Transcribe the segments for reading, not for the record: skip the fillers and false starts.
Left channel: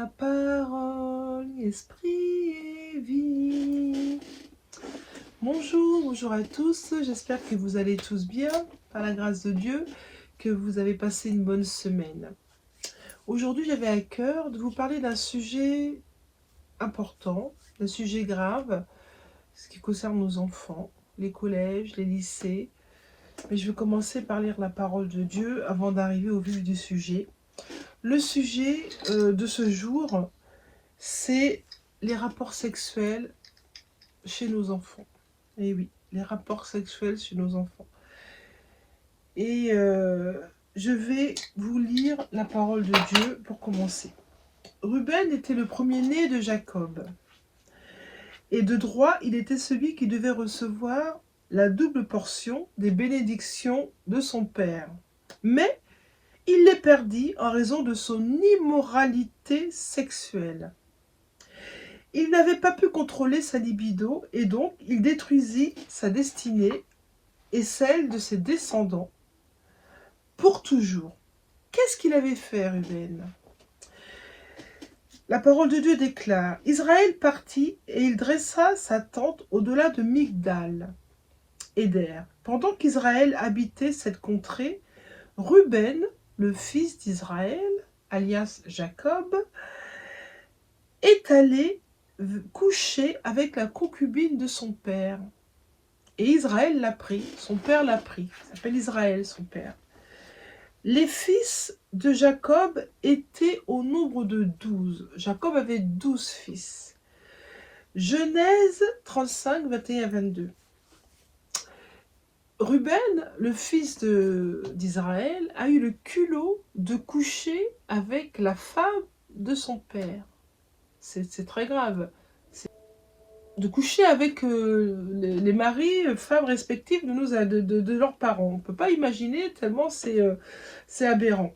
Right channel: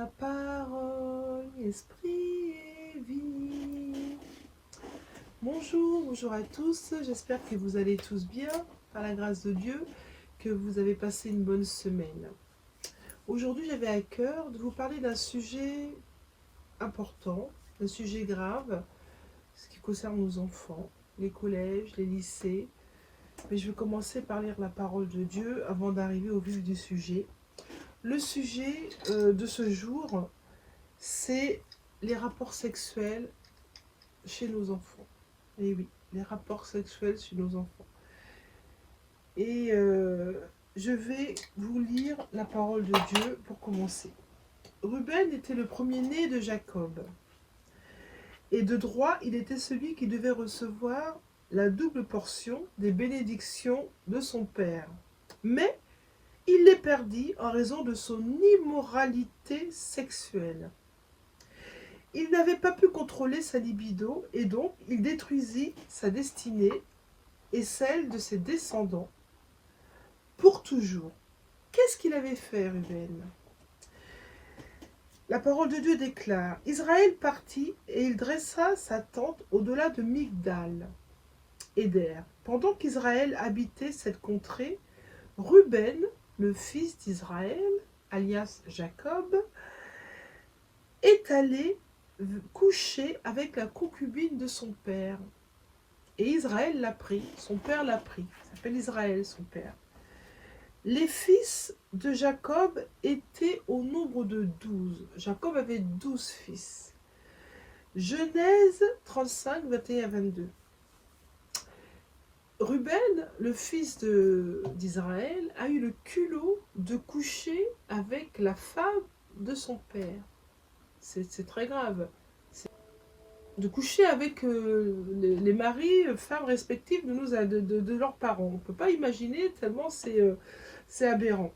ta parole, esprit et vie. Bonjour à tous, j'espère que vous allez tous bien, par la grâce de Dieu, que vous avez passé une bonne semaine. Aujourd'hui, j'avais à cœur de vous parler d'un sujet important, d'un sujet grave, ce qui concerne nos enfants, les collèges, les lycées. Mais je vais commencer par lire la parole de Dieu avant d'arriver au vif du sujet. Le sujet de ce jour, c'est les rapports sexuels chez nos enfants. Et oui, les rapports sexuels chez nos enfants. Et je vais vous lire la parole de Dieu pour commencer. Ruben était le premier-né de Jacob. Et de droit, il était celui qui devait recevoir la double portion des bénédictions de son père. Mais il les perdit en raison de son immoralité sexuelle. Il n'avait pas pu contrôler sa libido et donc il détruisit sa destinée et celle de ses descendants pour toujours. Qu'est-ce qu'il avait fait, Ruben? La parole de Dieu déclare: Israël partit et il dressa sa tente au-delà de Migdal, Éder. Pendant qu'Israël habitait cette contrée, Ruben, le fils d'Israël, alias Jacob, est allé coucher avec la concubine de son père. Et Israël l'a pris, son père l'a pris. Il s'appelle Israël, son père. Les fils de Jacob étaient au nombre de 12. Jacob avait 12 fils. Genèse 35, 21 à 22. Ruben, le fils d'Israël, a eu le culot de coucher avec la femme de son père. C'est très grave. De coucher avec les maris, femmes respectives de leurs parents. On ne peut pas imaginer tellement c'est aberrant.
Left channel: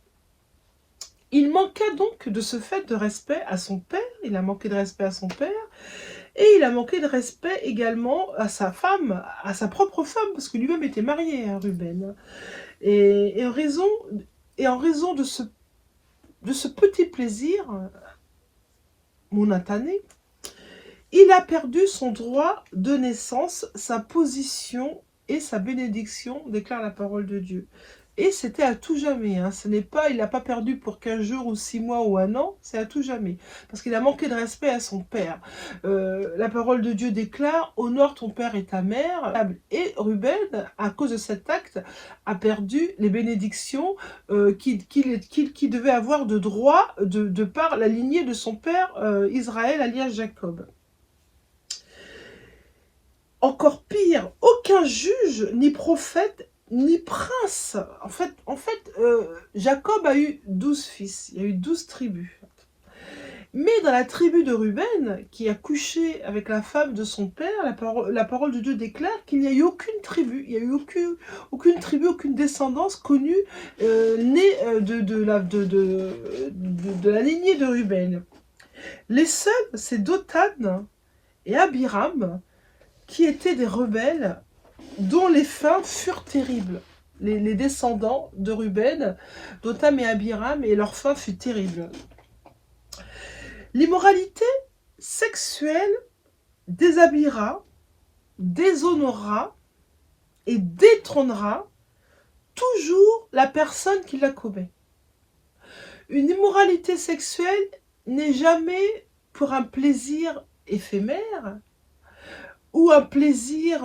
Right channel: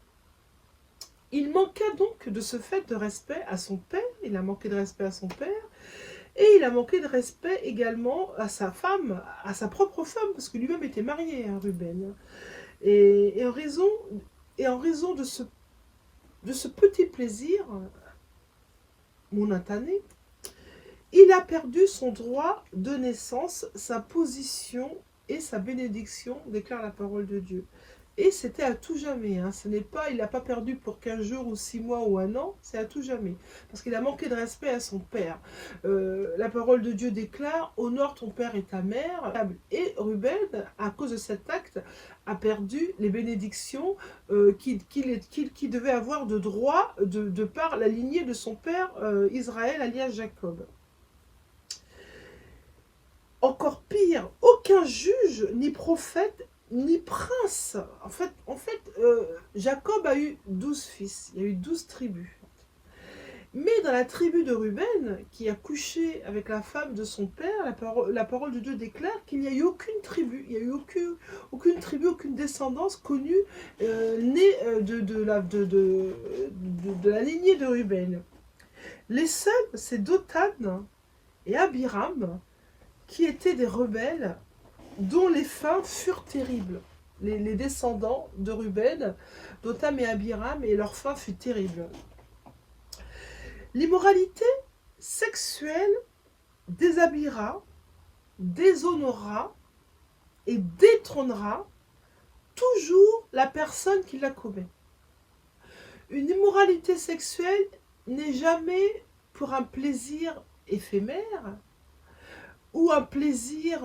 Il manqua donc de ce fait de respect à son père, il a manqué de respect à son père, et il a manqué de respect également à sa femme, à sa propre femme, parce que lui-même était marié, hein, Ruben. Et en raison de ce petit plaisir momentané, il a perdu son droit de naissance, sa position et sa bénédiction, déclare la parole de Dieu. Et c'était à tout jamais. Hein. Ce n'est pas, il n'a pas perdu pour 15 jours ou 6 mois ou un an, c'est à tout jamais. Parce qu'il a manqué de respect à son père. La parole de Dieu déclare: honore ton père et ta mère. Et Ruben, à cause de cet acte, a perdu les bénédictions qu'il devait avoir de droit de par la lignée de son père Israël, alias Jacob. Encore pire, aucun juge, ni prophète, ni prince. En fait, Jacob a eu 12 fils, il y a eu 12 tribus. Mais dans la tribu de Ruben, qui a couché avec la femme de son père, la parole de Dieu déclare qu'il n'y a eu aucune tribu, il n'y a eu aucune tribu, aucune descendance connue née de la lignée de Ruben. Les seuls, c'est Dothan et Abiram, qui étaient des rebelles dont les fins furent terribles. Les descendants de Ruben, Dotham et Abiram, et leur fin fut terrible. L'immoralité sexuelle déshabillera, déshonorera et détrônera toujours la personne qui la commet. Une immoralité sexuelle n'est jamais pour un plaisir éphémère, ou un plaisir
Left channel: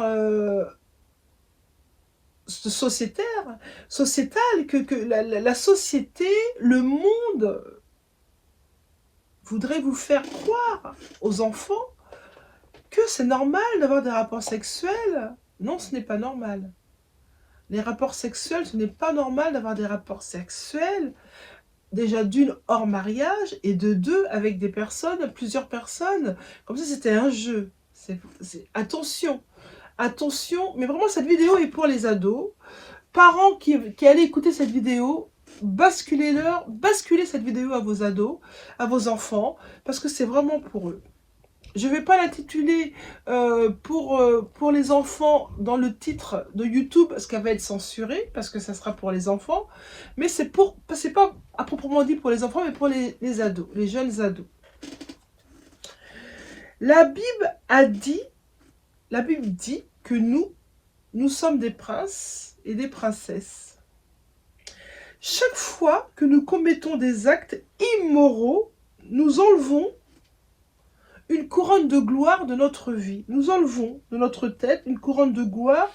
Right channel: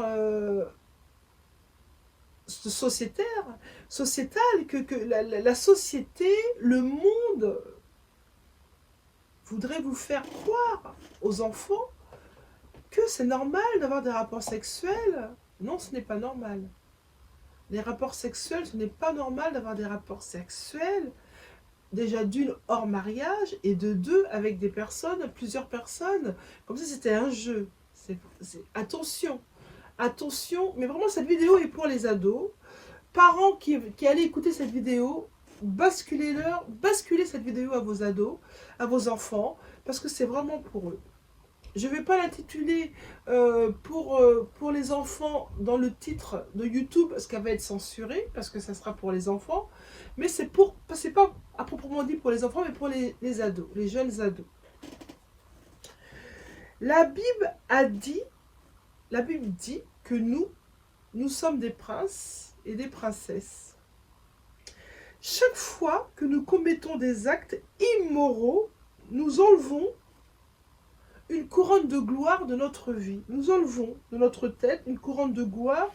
sociétal, que la société, le monde voudrait vous faire croire aux enfants que c'est normal d'avoir des rapports sexuels. Non, ce n'est pas normal. Les rapports sexuels, ce n'est pas normal d'avoir des rapports sexuels, déjà d'une hors mariage, et de deux avec des personnes, plusieurs personnes, comme si c'était un jeu. Attention, attention, mais vraiment cette vidéo est pour les ados. Parents qui allaient écouter cette vidéo, basculez cette vidéo à vos ados, à vos enfants, parce que c'est vraiment pour eux. Je ne vais pas l'intituler pour les enfants dans le titre de YouTube, parce qu'elle va être censurée, parce que ça sera pour les enfants. Mais c'est pas à proprement dit pour les enfants, mais pour les ados, les jeunes ados. La Bible dit que nous sommes des princes et des princesses. Chaque fois que nous commettons des actes immoraux, nous enlevons une couronne de gloire de notre vie. Nous enlevons de notre tête une couronne de gloire.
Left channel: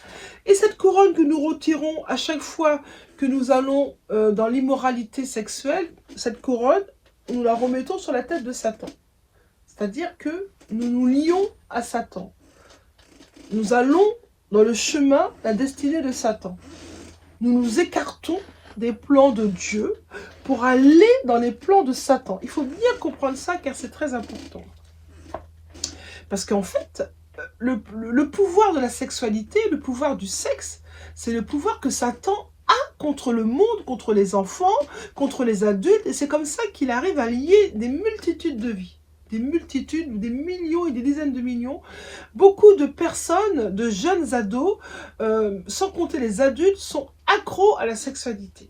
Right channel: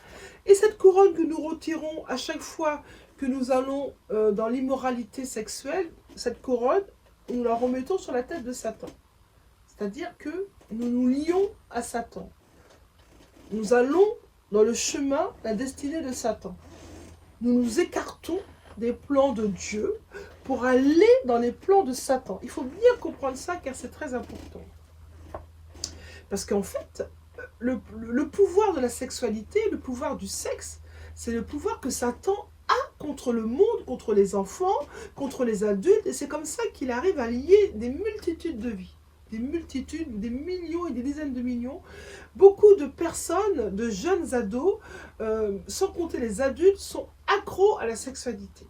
Et cette couronne que nous retirons à chaque fois que nous allons dans l'immoralité sexuelle, cette couronne, nous la remettons sur la tête de Satan. C'est-à-dire que nous nous lions à Satan. Nous allons dans le chemin, la destinée de Satan. Nous nous écartons des plans de Dieu pour aller dans les plans de Satan. Il faut bien comprendre ça car c'est très important. Parce qu'en fait, le pouvoir de la sexualité, le pouvoir du sexe, c'est le pouvoir que Satan a contre le monde, contre les enfants, contre les adultes. Et c'est comme ça qu'il arrive à lier des multitudes de vies. Des multitudes, des millions et des dizaines de millions. Beaucoup de personnes, de jeunes ados, sans compter les adultes, sont accros à la sexualité.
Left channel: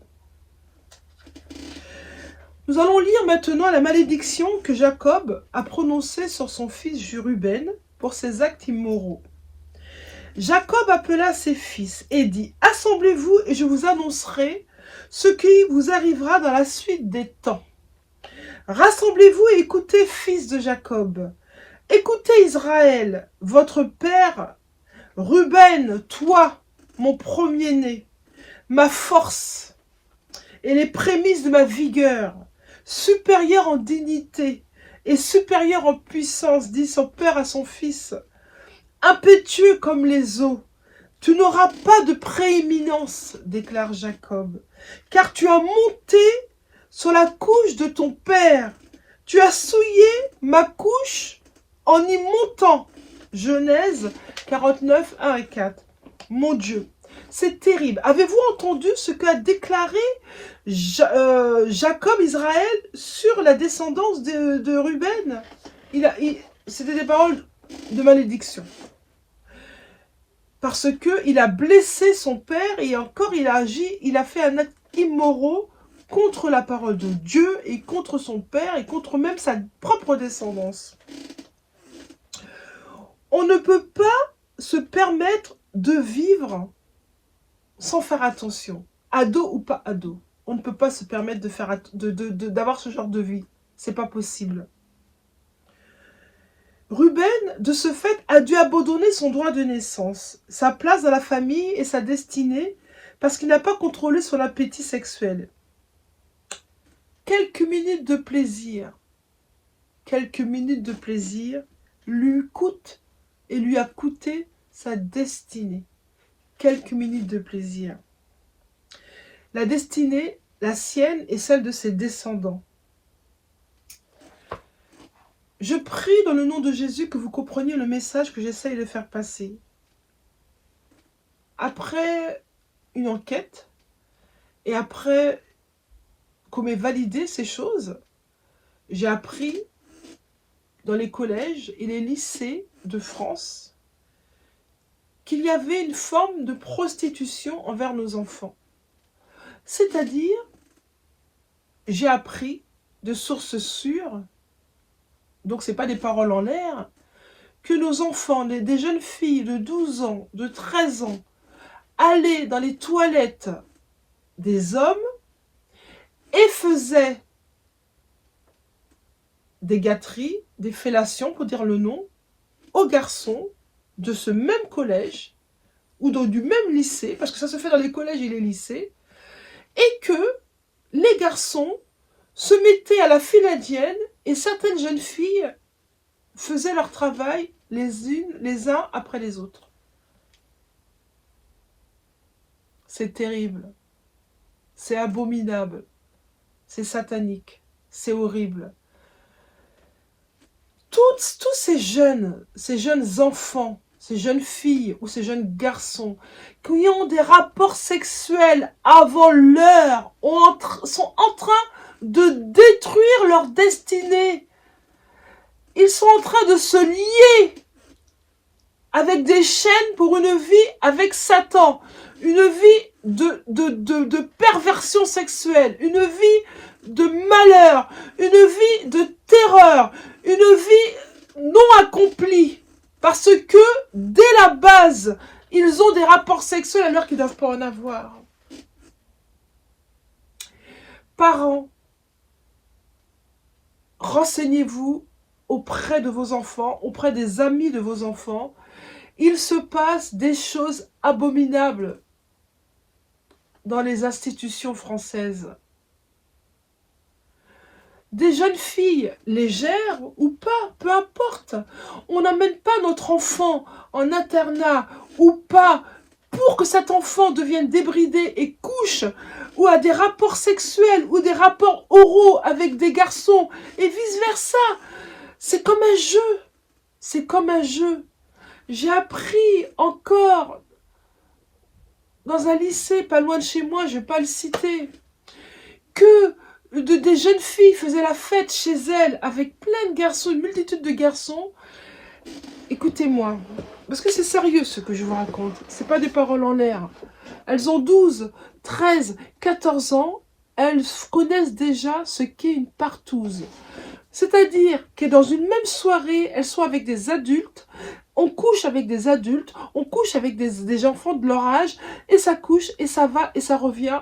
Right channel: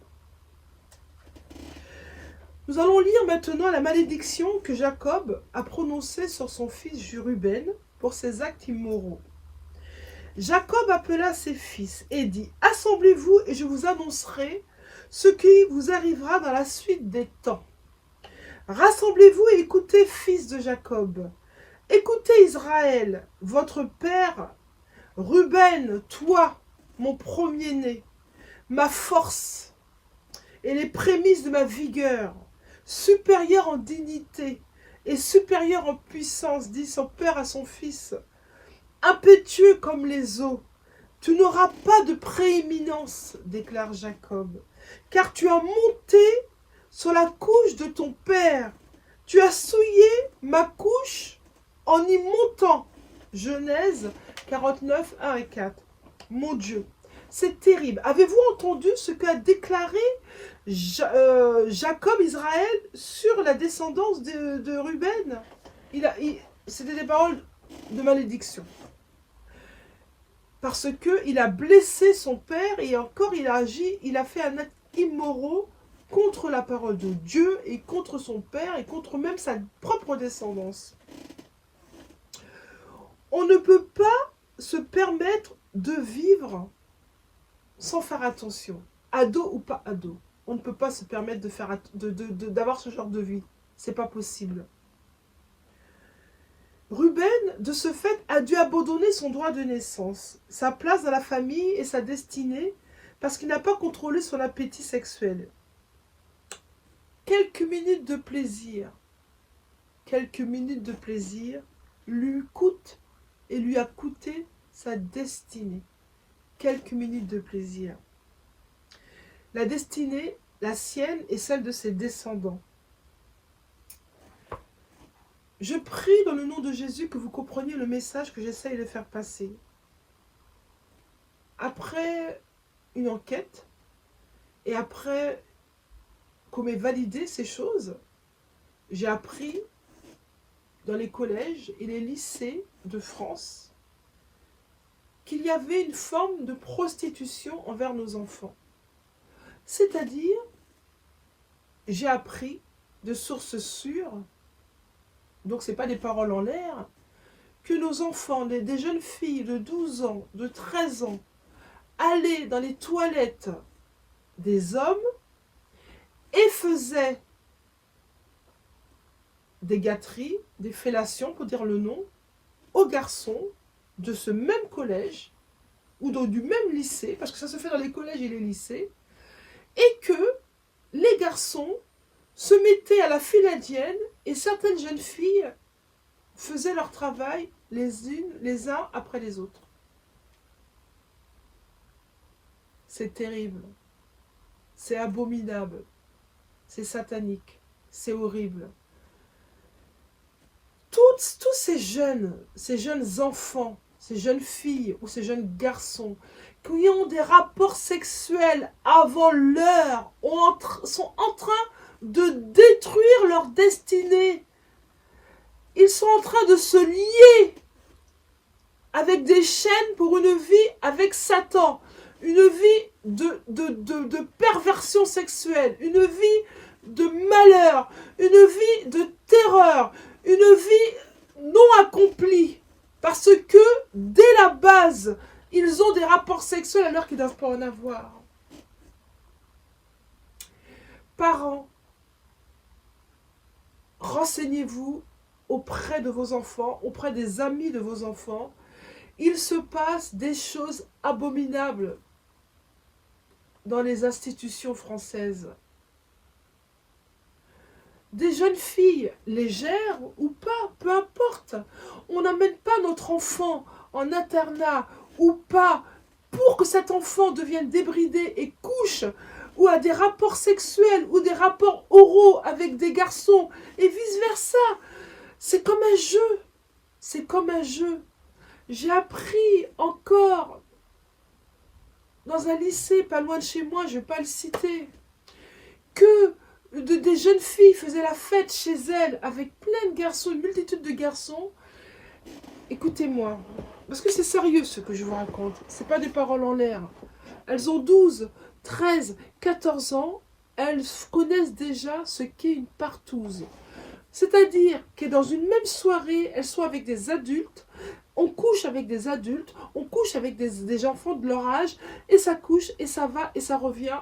Nous allons lire maintenant la malédiction que Jacob a prononcée sur son fils Ruben pour ses actes immoraux. Jacob appela ses fils et dit « Assemblez-vous et je vous annoncerai ce qui vous arrivera dans la suite des temps. Rassemblez-vous et écoutez, fils de Jacob. Écoutez Israël, votre père, Ruben, toi, mon premier-né, ma force et les prémices de ma vigueur, supérieur en dignité et supérieur en puissance, dit son père à son fils, impétueux comme les eaux. Tu n'auras pas de prééminence, déclare Jacob, car tu as monté sur la couche de ton père. Tu as souillé ma couche en y montant. Genèse 49, 1 et 4. Mon Dieu, c'est terrible. Avez-vous entendu ce qu'a déclaré Jacob, Israël, sur la descendance de Ruben? C'était des paroles de malédiction. Parce qu'il a blessé son père et encore il a fait un acte immoral contre la parole de Dieu et contre son père et contre même sa propre descendance. On ne peut pas se permettre de vivre sans faire attention, ado ou pas ado. On ne peut pas se permettre d'avoir ce genre de vie. C'est pas possible. Ruben, de ce fait, a dû abandonner son droit de naissance, sa place dans la famille et sa destinée, parce qu'il n'a pas contrôlé son appétit sexuel. Quelques minutes de plaisir lui coûtent et lui a coûté sa destinée. Quelques minutes de plaisir. La destinée, la sienne et celle de ses descendants. Je prie dans le nom de Jésus que vous compreniez le message que j'essaye de faire passer. Après une enquête, et après qu'on m'ait validé ces choses, j'ai appris dans les collèges et les lycées de France qu'il y avait une forme de prostitution envers nos enfants. C'est-à-dire, j'ai appris de sources sûres, donc ce n'est pas des paroles en l'air, que nos enfants, des jeunes filles de 12 ans, de 13 ans, allaient dans les toilettes des hommes et faisaient des gâteries, des fellations, pour dire le nom, aux garçons de ce même collège ou du même lycée, parce que ça se fait dans les collèges et les lycées, et que les garçons se mettaient à la file indienne et certaines jeunes filles faisaient leur travail les uns après les autres. C'est terrible, c'est abominable, c'est satanique, c'est horrible. Tous ces jeunes enfants, ces jeunes filles ou ces jeunes garçons qui ont des rapports sexuels avant l'heure sont en train de détruire leur destinée. Ils ils sont en train de se lier avec des chaînes pour une vie avec Satan, une vie de perversion sexuelle, une vie de malheur, une vie de terreur, une vie non accomplie. Parce que, dès la base, ils ont des rapports sexuels alors qu'ils ne doivent pas en avoir. Parents, renseignez-vous auprès de vos enfants, auprès des amis de vos enfants. Il se passe des choses abominables dans les institutions françaises. Des jeunes filles légères ou pas, peu importe. On n'amène pas notre enfant en internat ou pas pour que cet enfant devienne débridé et couche ou a des rapports sexuels ou des rapports oraux avec des garçons et vice-versa. C'est comme un jeu. C'est comme un jeu. J'ai appris encore dans un lycée pas loin de chez moi, je ne vais pas le citer, que des jeunes filles faisaient la fête chez elles avec plein de garçons, une multitude de garçons. Écoutez-moi, parce que c'est sérieux ce que je vous raconte, c'est pas des paroles en l'air. Elles ont 12, 13, 14 ans, elles connaissent déjà ce qu'est une partouze. C'est-à-dire que dans une même soirée, elles sont avec des adultes, on couche avec des adultes, on couche avec des enfants de leur âge, et ça couche, et ça va, et ça revient.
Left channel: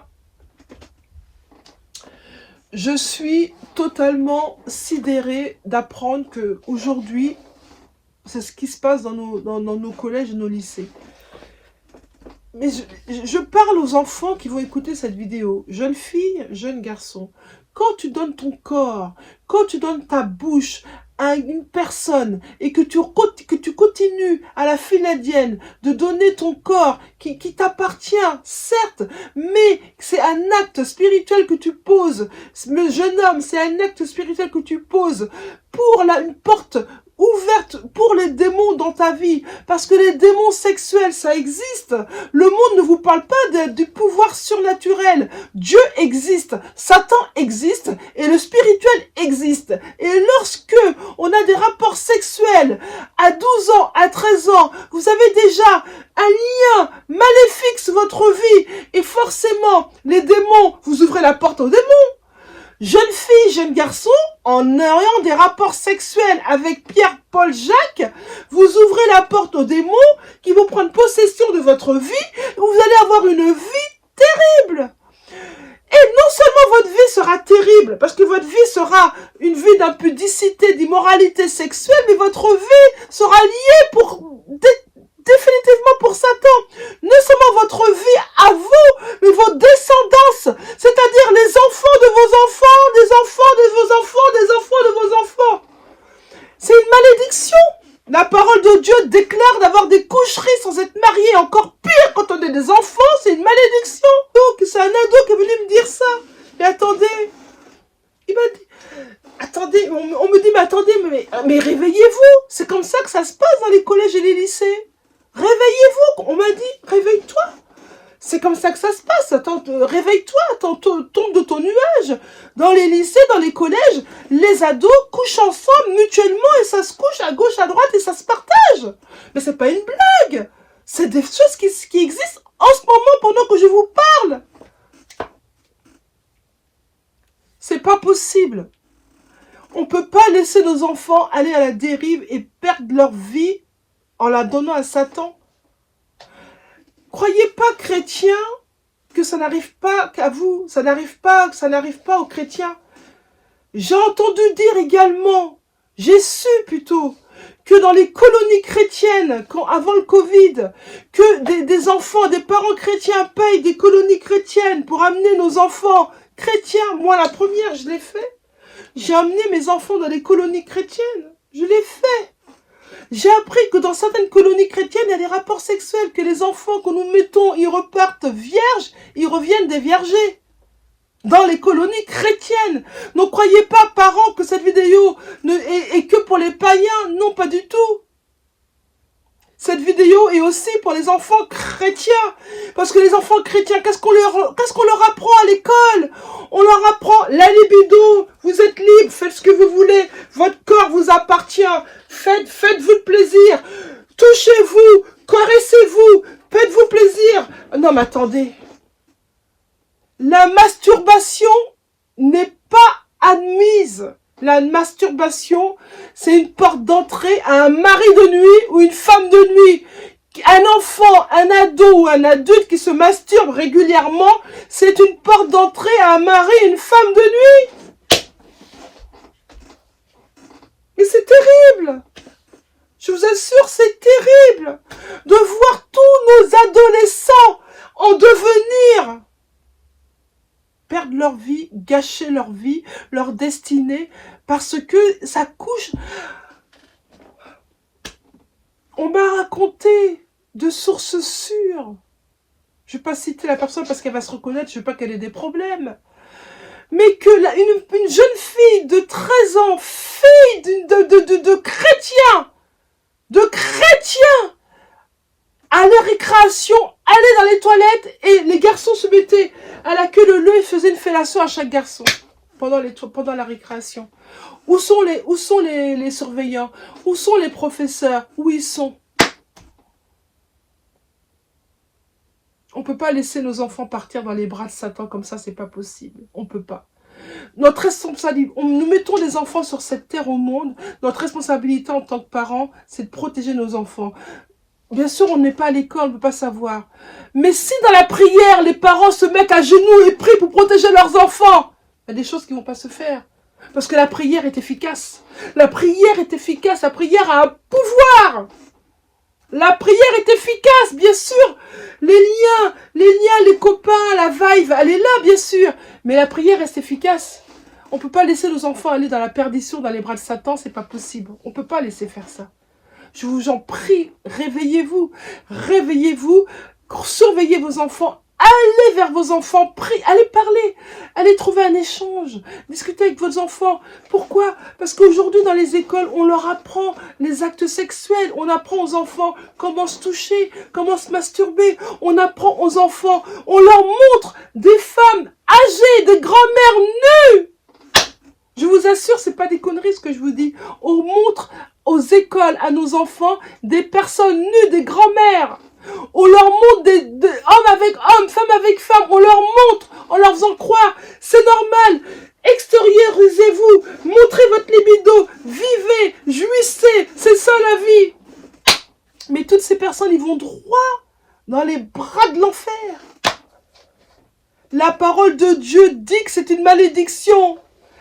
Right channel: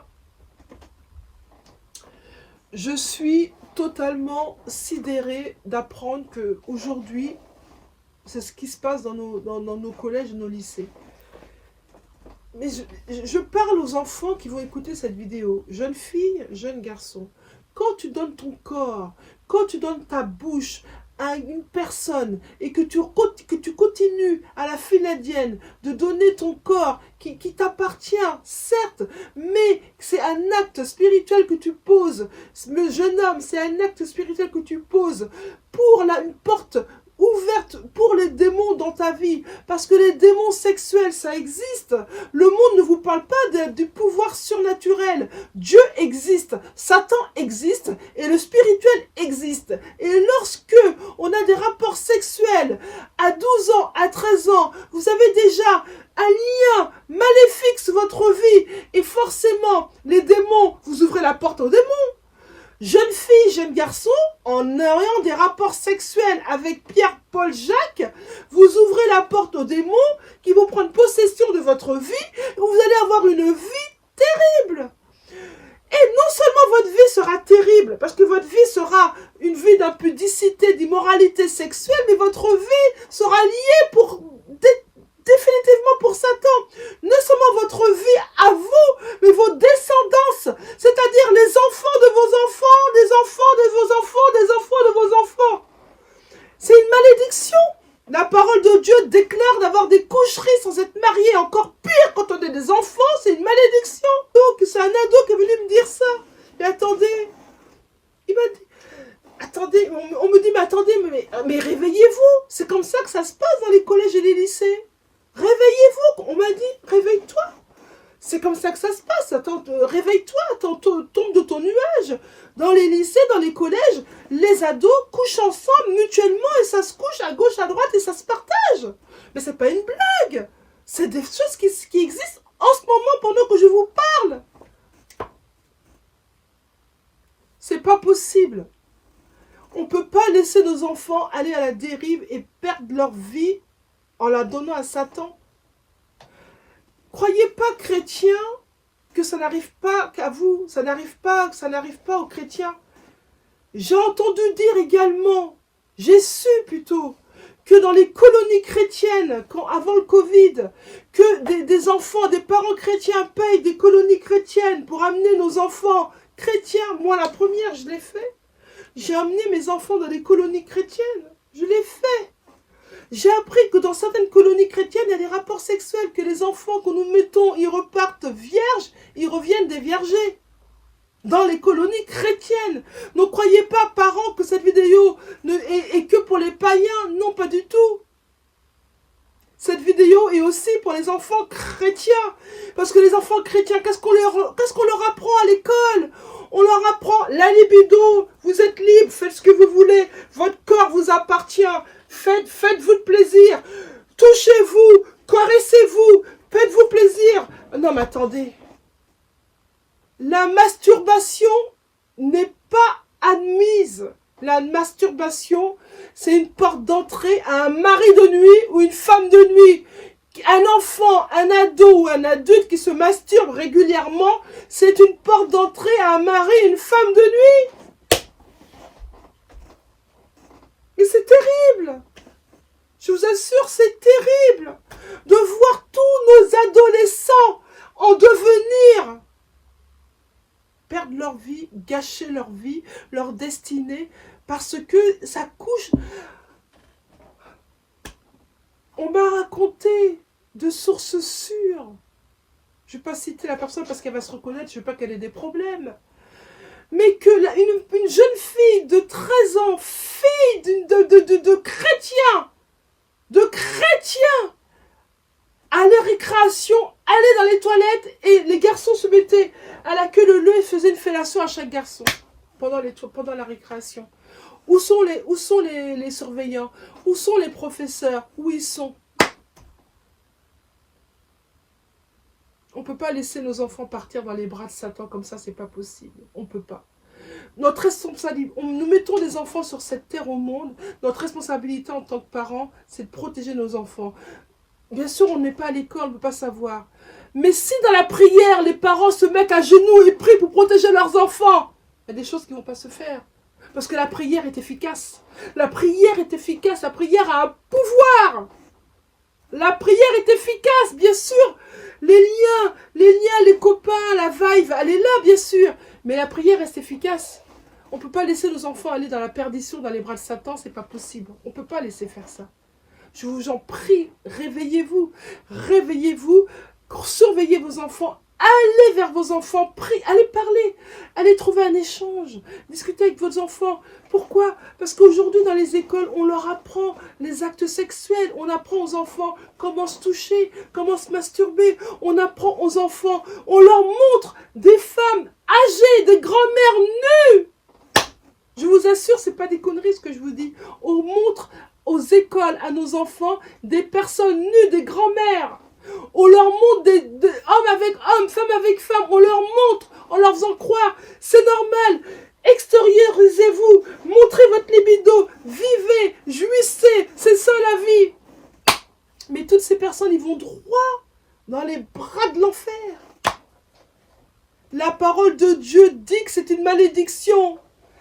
Je suis totalement sidérée d'apprendre qu'aujourd'hui, c'est ce qui se passe dans nos collèges et nos lycées. Mais je parle aux enfants qui vont écouter cette vidéo, jeunes filles, jeunes garçons. Quand tu donnes ton corps, quand tu donnes ta bouche à une personne et que tu continues à la file indienne de donner ton corps qui t'appartient, certes, mais c'est un acte spirituel que tu poses. Le jeune homme, c'est un acte spirituel que tu poses pour une porte ouverte pour les démons dans ta vie, parce que les démons sexuels, ça existe. Le monde ne vous parle pas du pouvoir surnaturel. Dieu existe, Satan existe, et le spirituel existe. Et lorsque on a des rapports sexuels à 12 ans, à 13 ans, vous avez déjà un lien maléfique sur votre vie, et forcément, les démons, vous ouvrez la porte aux démons. Jeune fille, jeune garçon, en ayant des rapports sexuels avec Pierre, Paul, Jacques, vous ouvrez la porte aux démons qui vont prendre possession de votre vie, et vous allez avoir une vie terrible. Et non seulement votre vie sera terrible, parce que votre vie sera une vie d'impudicité, d'immoralité sexuelle, mais votre vie sera liée définitivement pour Satan. Non seulement votre vie à vous, mais vos descendances, c'est-à-dire les enfants de vos enfants, des enfants de vos enfants, des enfants de vos enfants. C'est une malédiction. La parole de Dieu déclare d'avoir des coucheries sans être marié. Encore pire quand on est des enfants, c'est une malédiction. Donc c'est un ado qui est venu me dire ça. Et attendez, il m'a dit, attendez, on me dit, mais attendez, mais réveillez-vous. C'est comme ça que ça se passe dans les collèges et les lycées. Réveillez-vous, on m'a dit, réveille-toi. C'est comme ça que ça se passe. Attends, réveille-toi, attends, tombe de ton nuage. Dans les lycées, dans les collèges, les ados couchent ensemble mutuellement et ça se couche à gauche, à droite et ça se partage. Mais c'est pas une blague. C'est des choses qui existent en ce moment pendant que je vous parle. C'est pas possible. On peut pas laisser nos enfants aller à la dérive et perdre leur vie en la donnant à Satan. Croyez pas, chrétiens, que ça n'arrive pas qu'à vous, ça n'arrive pas aux chrétiens. J'ai entendu dire également, j'ai su plutôt, que dans les colonies chrétiennes, avant le Covid, que des enfants, des parents chrétiens payent des colonies chrétiennes pour amener nos enfants chrétiens. Moi, la première, je l'ai fait. J'ai amené mes enfants dans les colonies chrétiennes. Je l'ai fait. J'ai appris que dans certaines colonies chrétiennes, il y a des rapports sexuels, que les enfants que nous mettons, ils repartent vierges, ils reviennent des vergers. Dans les colonies chrétiennes. Ne croyez pas, parents, que cette vidéo est que pour les païens. Non, pas du tout. Cette vidéo est aussi pour les enfants chrétiens. Parce que les enfants chrétiens, qu'est-ce qu'on leur apprend à l'école? On leur apprend la libido. Vous êtes libre, faites ce que vous voulez. Votre corps vous appartient. Attendez. La masturbation n'est pas admise. La masturbation, c'est une porte d'entrée à un mari de nuit ou une femme de nuit. Un enfant, un ado ou un adulte qui se masturbe régulièrement, c'est une porte d'entrée à un mari et une femme de nuit. Mais c'est terrible. Je vous assure, c'est terrible de voir tous nos adolescents en devenir perdre leur vie, gâcher leur vie, leur destinée, parce que ça couche. On m'a raconté de sources sûres. Je ne vais pas citer la personne parce qu'elle va se reconnaître, je ne veux pas qu'elle ait des problèmes. Mais que une jeune fille de 13 ans, fille de chrétien, à la récréation, allait dans les toilettes et les garçons se mettaient à la queue leu et faisaient une fellation à chaque garçon pendant la récréation. Où sont les surveillants? Où sont les professeurs? Où ils sont? On ne peut pas laisser nos enfants partir dans les bras de Satan comme ça, c'est pas possible. On ne peut pas. Notre responsabilité, nous mettons des enfants sur cette terre au monde. Notre responsabilité en tant que parents, c'est de protéger nos enfants. Bien sûr, on n'est pas à l'école, on ne peut pas savoir. Mais si dans la prière, les parents se mettent à genoux et prient pour protéger leurs enfants, il y a des choses qui ne vont pas se faire. Parce que la prière est efficace. La prière est efficace. La prière a un pouvoir. La prière est efficace, bien sûr. Les liens, les copains, la vibe, elle est là, bien sûr. Mais la prière est efficace. On ne peut pas laisser nos enfants aller dans la perdition, dans les bras de Satan, c'est pas possible. On ne peut pas laisser faire ça. Je vous en prie, réveillez-vous. Réveillez-vous, surveillez vos enfants. Allez vers vos enfants, allez parler, allez trouver un échange, discutez avec vos enfants. Pourquoi? Parce qu'aujourd'hui dans les écoles, on leur apprend les actes sexuels, on apprend aux enfants comment se toucher, comment se masturber, on apprend aux enfants, on leur montre des femmes âgées, des grand-mères nues. Je vous assure, c'est pas des conneries ce que je vous dis. On montre aux écoles, à nos enfants, des personnes nues, des grand-mères. On leur montre des hommes avec hommes, femmes avec femmes. On leur montre, en leur faisant croire, c'est normal. Extériorisez-vous, montrez votre libido, vivez, jouissez, c'est ça la vie. Mais toutes ces personnes, ils vont droit dans les bras de l'enfer. La parole de Dieu dit que c'est une malédiction.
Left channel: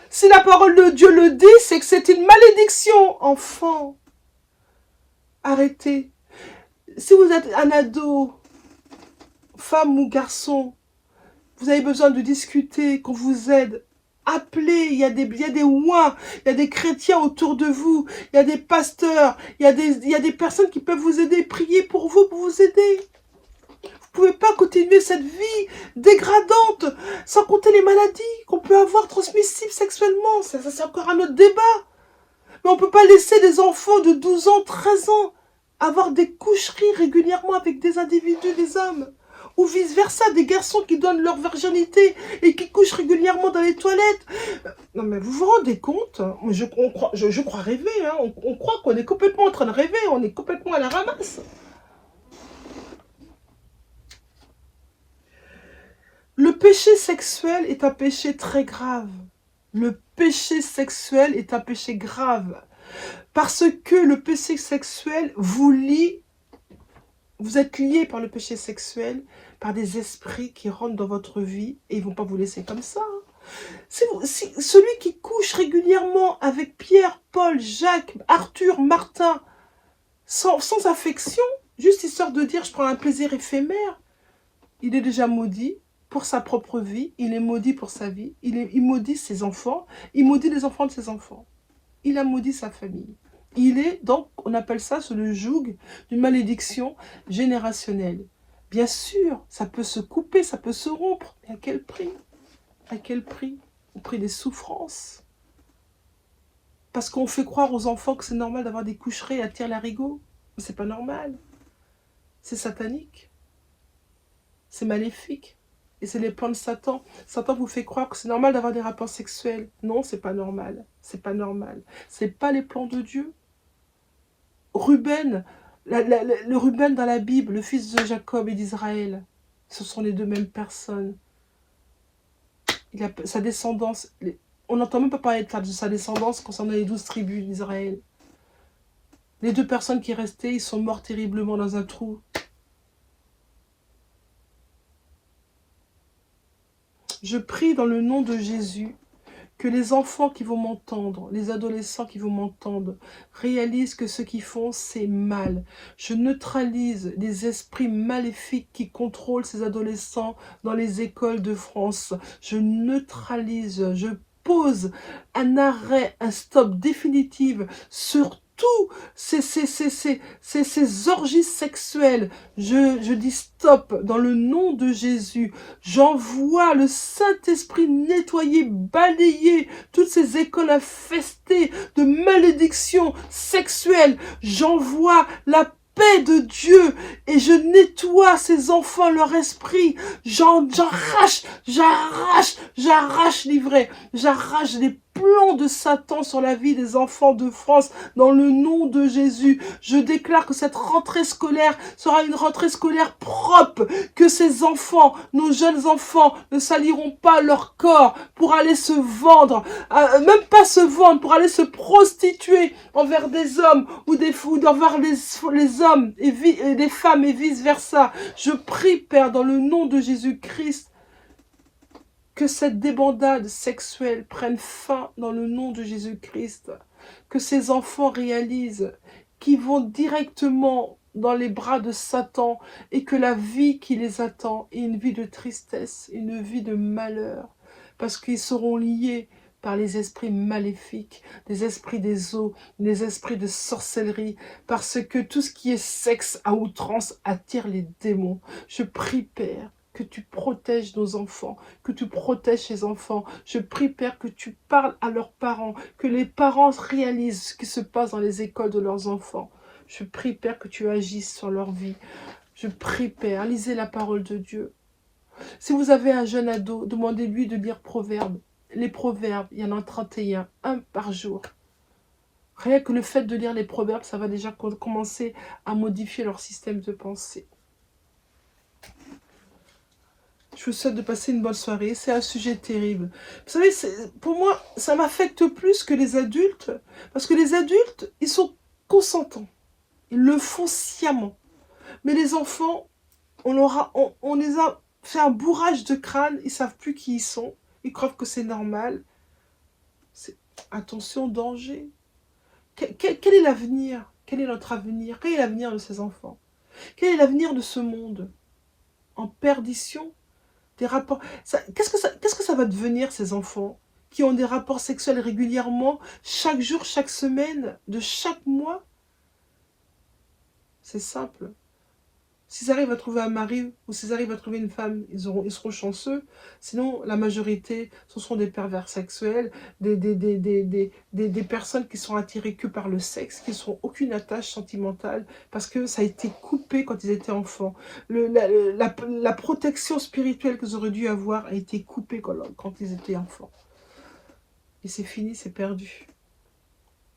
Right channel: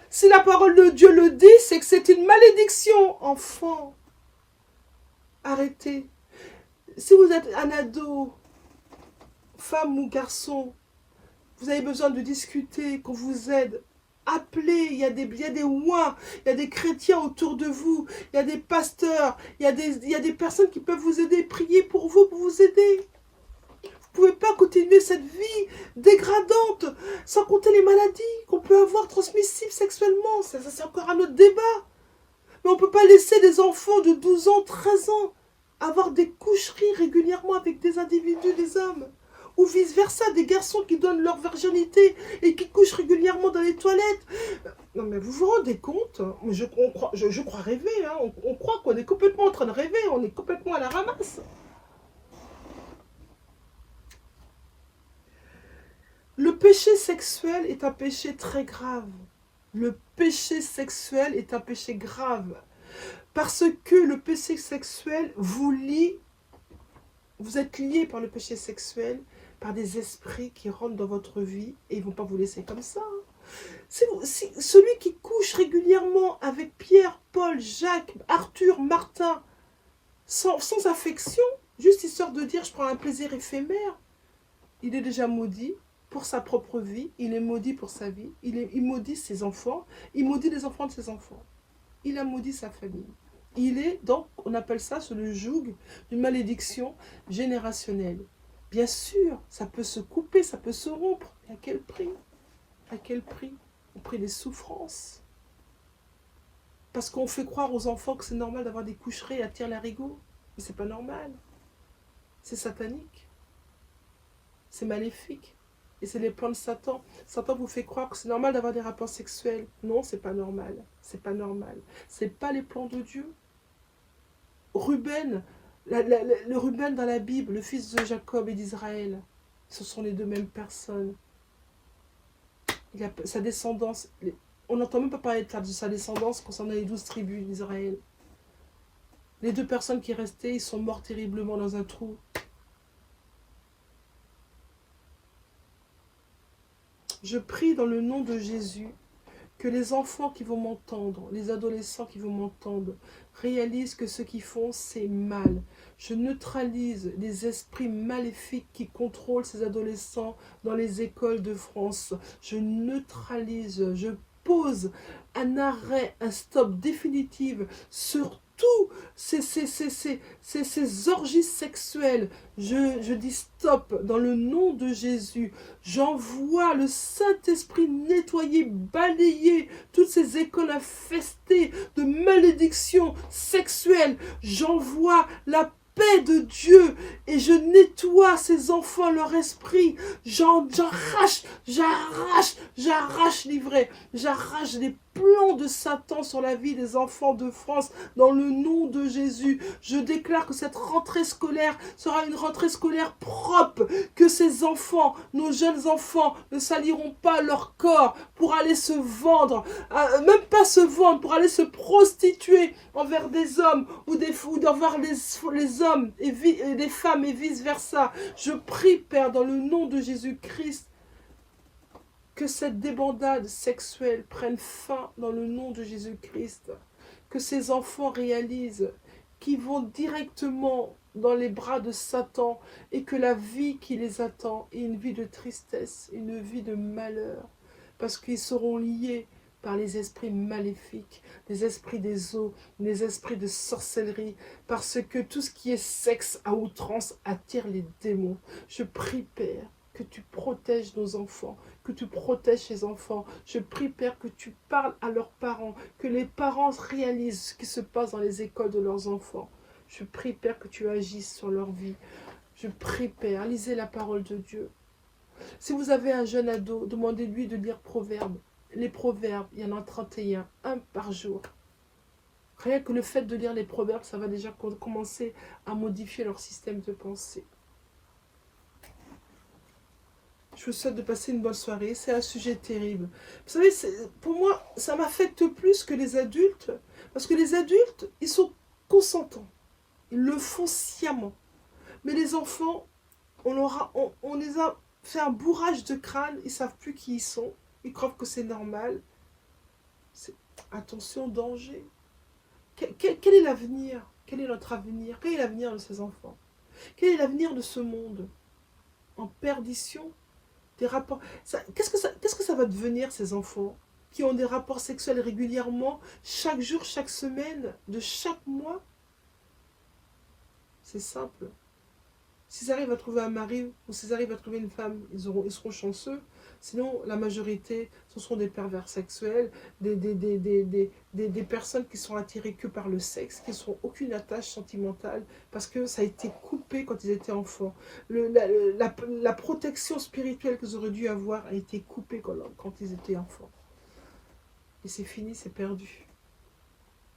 Si la parole de Dieu le dit, c'est que c'est une malédiction, enfant. Arrêtez. Si vous êtes un ado, femme ou garçon, vous avez besoin de discuter, qu'on vous aide, appelez, il y a des ouins, il y a des chrétiens autour de vous, il y a des pasteurs, il y a des personnes qui peuvent vous aider, prier pour vous aider. Vous ne pouvez pas continuer cette vie dégradante, sans compter les maladies qu'on peut avoir transmissibles sexuellement. Ça c'est encore un autre débat. Mais on ne peut pas laisser des enfants de 12 ans, 13 ans, avoir des coucheries régulièrement avec des individus, des hommes. Ou vice-versa, des garçons qui donnent leur virginité et qui couchent régulièrement dans les toilettes. Non mais vous vous rendez compte? Je crois rêver, hein. On croit qu'on est complètement en train de rêver, on est complètement à la ramasse. Le péché sexuel est un péché très grave. Le péché sexuel est un péché grave. Parce que le péché sexuel vous lie, vous êtes lié par le péché sexuel, par des esprits qui rentrent dans votre vie et ils ne vont pas vous laisser comme ça. Celui qui couche régulièrement avec Pierre, Paul, Jacques, Arthur, Martin, sans affection, juste histoire de dire je prends un plaisir éphémère, il est déjà maudit pour sa propre vie, il est maudit pour sa vie, il maudit ses enfants, il maudit les enfants de ses enfants. Il a maudit sa famille. Il est donc, on appelle ça sous le joug d'une malédiction générationnelle. Bien sûr, ça peut se couper, ça peut se rompre. Mais à quel prix? À quel prix? Au prix des souffrances. Parce qu'on fait croire aux enfants que c'est normal d'avoir des coucheries à tire-larigot. Mais c'est pas normal. C'est satanique. C'est maléfique. Et c'est les plans de Satan. Satan vous fait croire que c'est normal d'avoir des rapports sexuels. Non, c'est pas normal. C'est pas normal. C'est pas les plans de Dieu. Ruben, le Ruben dans la Bible, le fils de Jacob et d'Israël, Ce sont les deux mêmes personnes. Sa descendance, on n'entend même pas parler de sa descendance concernant les 12 tribus d'Israël. Les deux personnes qui restaient, ils sont morts terriblement dans un trou. Je prie dans le nom de Jésus que les enfants qui vont m'entendre, les adolescents qui vont m'entendre, réalisent que ce qu'ils font, c'est mal. Je neutralise les esprits maléfiques qui contrôlent ces adolescents dans les écoles de France. Je neutralise, je pose un arrêt, un stop définitif sur tous ces orgies sexuelles. Je dis stop dans le nom de Jésus. J'envoie le Saint-Esprit nettoyer, balayer toutes ces écoles infestées de malédictions sexuelles. J'envoie la paix de Dieu et je nettoie ces enfants, leur esprit. J'arrache l'ivraie. J'arrache les plans de Satan sur la vie des enfants de France dans le nom de Jésus. Je déclare que cette rentrée scolaire sera une rentrée scolaire propre, que ces enfants, nos jeunes enfants, ne saliront pas leur corps pour aller se vendre, même pas se vendre, pour aller se prostituer envers des hommes ou envers les hommes et des femmes et vice-versa. Je prie, Père, dans le nom de Jésus-Christ, que cette débandade sexuelle prenne fin dans le nom de Jésus-Christ. Que ces enfants réalisent qu'ils vont directement dans les bras de Satan et que la vie qui les attend est une vie de tristesse, une vie de malheur. Parce qu'ils seront liés par les esprits maléfiques, les esprits des eaux, les esprits de sorcellerie, parce que tout ce qui est sexe à outrance attire les démons. Je prie, Père, que tu protèges nos enfants, que tu protèges ces enfants. Je prie, Père, que tu parles à leurs parents, que les parents réalisent ce qui se passe dans les écoles de leurs enfants. Je prie, Père, que tu agisses sur leur vie. Je prie, Père, lisez la parole de Dieu. Si vous avez un jeune ado, demandez-lui de lire Proverbes. Les Proverbes, il y en a 31, un par jour. Rien que le fait de lire les Proverbes, ça va déjà commencer à modifier leur système de pensée. Je vous souhaite de passer une bonne soirée. C'est un sujet terrible. Vous savez, pour moi, ça m'affecte plus que les adultes. Parce que les adultes, ils sont consentants. Ils le font sciemment. Mais les enfants, on les a fait un bourrage de crâne. Ils ne savent plus qui ils sont. Ils croient que c'est normal. Attention, danger. Quel est l'avenir? Quel est notre avenir? Quel est l'avenir de ces enfants? Quel est l'avenir de ce monde? En perdition? Des rapports. Qu'est-ce que ça va devenir, ces enfants qui ont des rapports sexuels régulièrement, chaque jour, chaque semaine, de chaque mois? C'est simple. S'ils arrivent à trouver un mari ou s'ils arrivent à trouver une femme, ils seront chanceux. Sinon, la majorité, ce sont des pervers sexuels, des personnes qui sont attirées que par le sexe, qui n'ont aucune attache sentimentale, parce que ça a été coupé quand ils étaient enfants. La protection spirituelle qu'ils auraient dû avoir a été coupée quand ils étaient enfants. Et c'est fini, c'est perdu.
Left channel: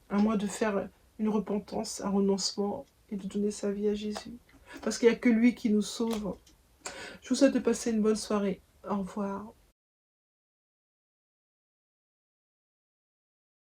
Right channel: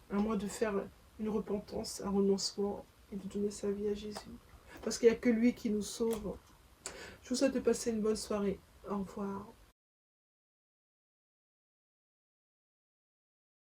À moins de faire une repentance, un renoncement et de donner sa vie à Jésus. Parce qu'il n'y a que lui qui nous sauve. Je vous souhaite de passer une bonne soirée. Au revoir.